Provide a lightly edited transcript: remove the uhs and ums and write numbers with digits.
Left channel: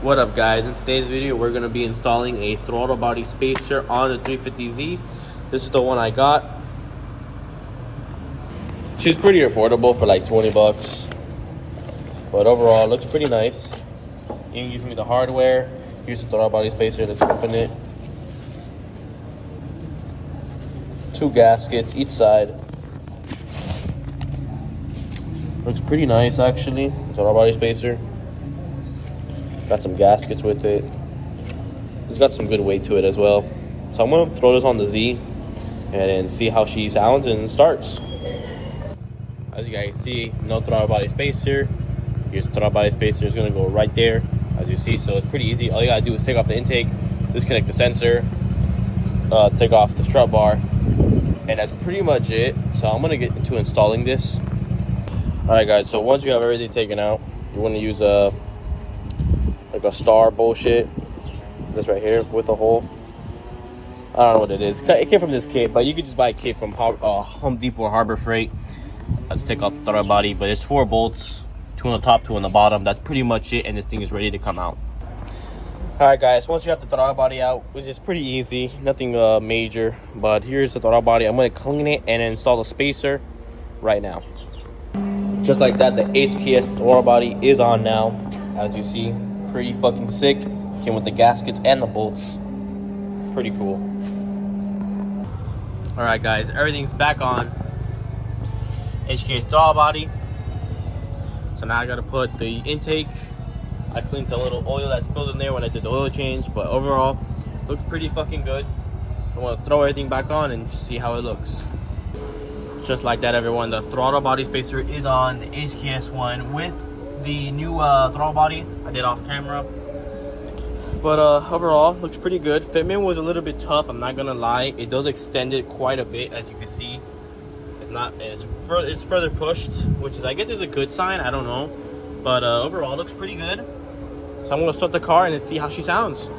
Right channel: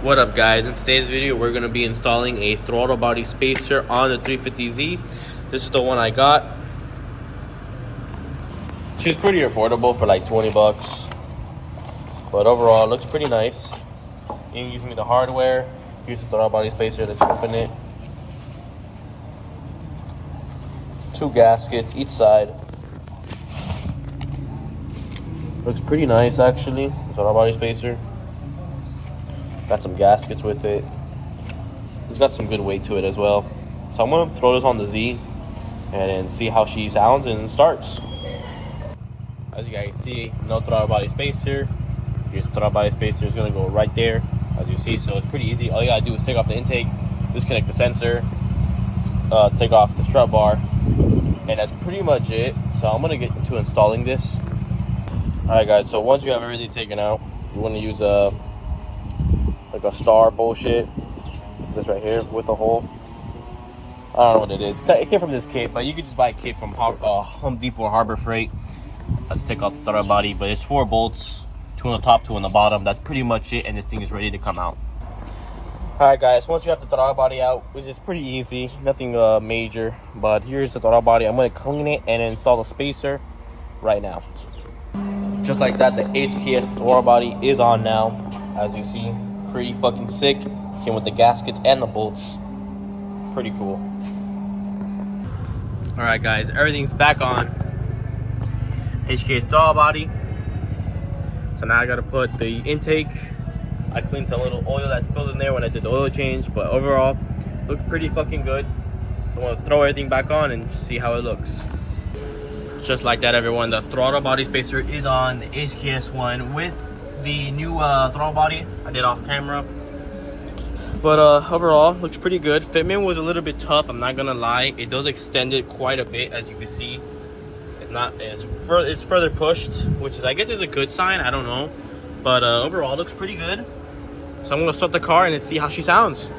What up, guys? In today's video we're going to be installing a throttle body spacer on the 350Z. This is the one I got. She's pretty affordable for like 20 bucks, but overall it looks pretty nice. You can give me the hardware, use the throttle body spacer. Let's open it. 2 gaskets each side. Looks pretty nice actually. Throttle body spacer. Got some gaskets with it. It's got some good weight to it as well. So I'm gonna throw this on the Z and see how she sounds and starts. As you guys see, no throttle body spacer. Here's the throttle body spacer. It's gonna go right there, as you see. So it's pretty easy. All you gotta do is take off the intake, disconnect the sensor, take off the strut bar, and that's pretty much it. So I'm gonna get into installing this. All right, guys. So once you have everything taken out, you want to use a star bullshit, this right here with the hole. I don't know what it is. It came from this kit, but you could just buy a kit from Home Depot or Harbor Freight. Let's take off the throttle body, but it's 4 bolts, 2 on the top, 2 on the bottom. That's pretty much it, and this thing is ready to come out. All right, guys, once you have the throttle body out, which is pretty easy, nothing major, but here's the throttle body. I'm gonna clean it and install the spacer right now. Just like that, the HKS throttle body is on now, as you see. Pretty fucking sick. Came with the gaskets and the bolts. Pretty cool. All right, guys, everything's back on. HK's throttle body. So now I gotta put the intake. I cleaned the little oil that spilled in there when I did the oil change, but overall, looks pretty fucking good. I'm gonna throw everything back on and see how it looks. Just like that, everyone, the throttle body spacer is on, the HKS one with the new throttle body I did off camera. But overall looks pretty good. Fitment was a little bit tough, I'm not gonna lie. It does extend it quite a bit, as you can see. It's further pushed, which is, I guess, is a good sign. I don't know, but overall looks pretty good. So I'm gonna start the car and see how she sounds.